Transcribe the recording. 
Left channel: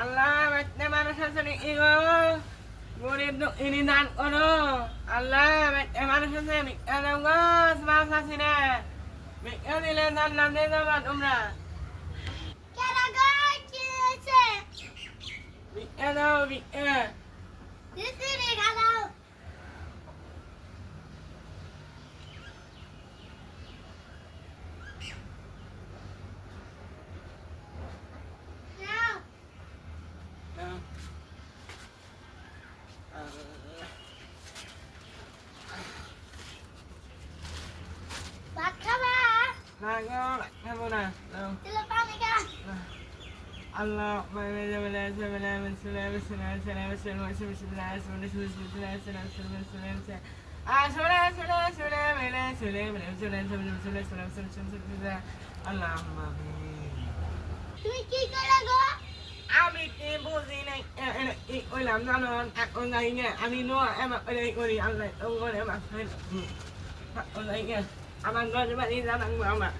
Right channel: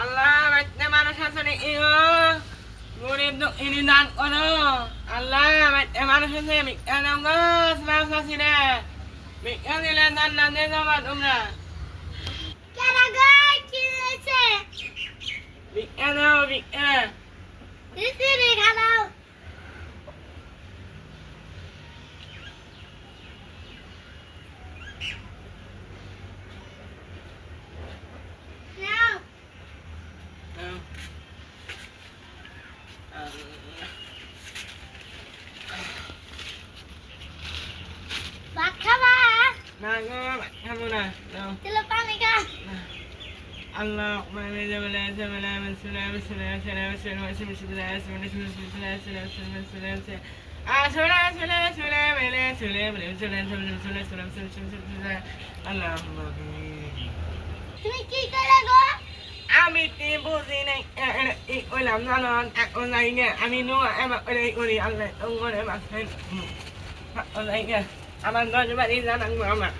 আল্লাহ বাইতে মানুষ আছে নাকি গো গরিব দুঃখিনী দান করো আল্লাহ বাইতে মানুষ আছে ভিক্ষা দাও গো মাছ আছি রে ভিক্ষা দিলে জান্নাতে যাবা তোমরা ভিক্ষা দাও ভিক্ষা ভাত খাবা না গো খাবো না দাও তাহলে পানি খা Allah mana jabala jabala min salam salam salam salam salam salam salam salam salam salam salam salam salam salam salam ala salam salam salam salam salam Allahumma তুমি কি করলে গো আমি তে বুঝি নাই ওইলাম না না এখন নাই গে আমি নো এবার করি আল্লাহ তো করে মাছেন ওই গে আমার গজ বাড়ি জানান আমরা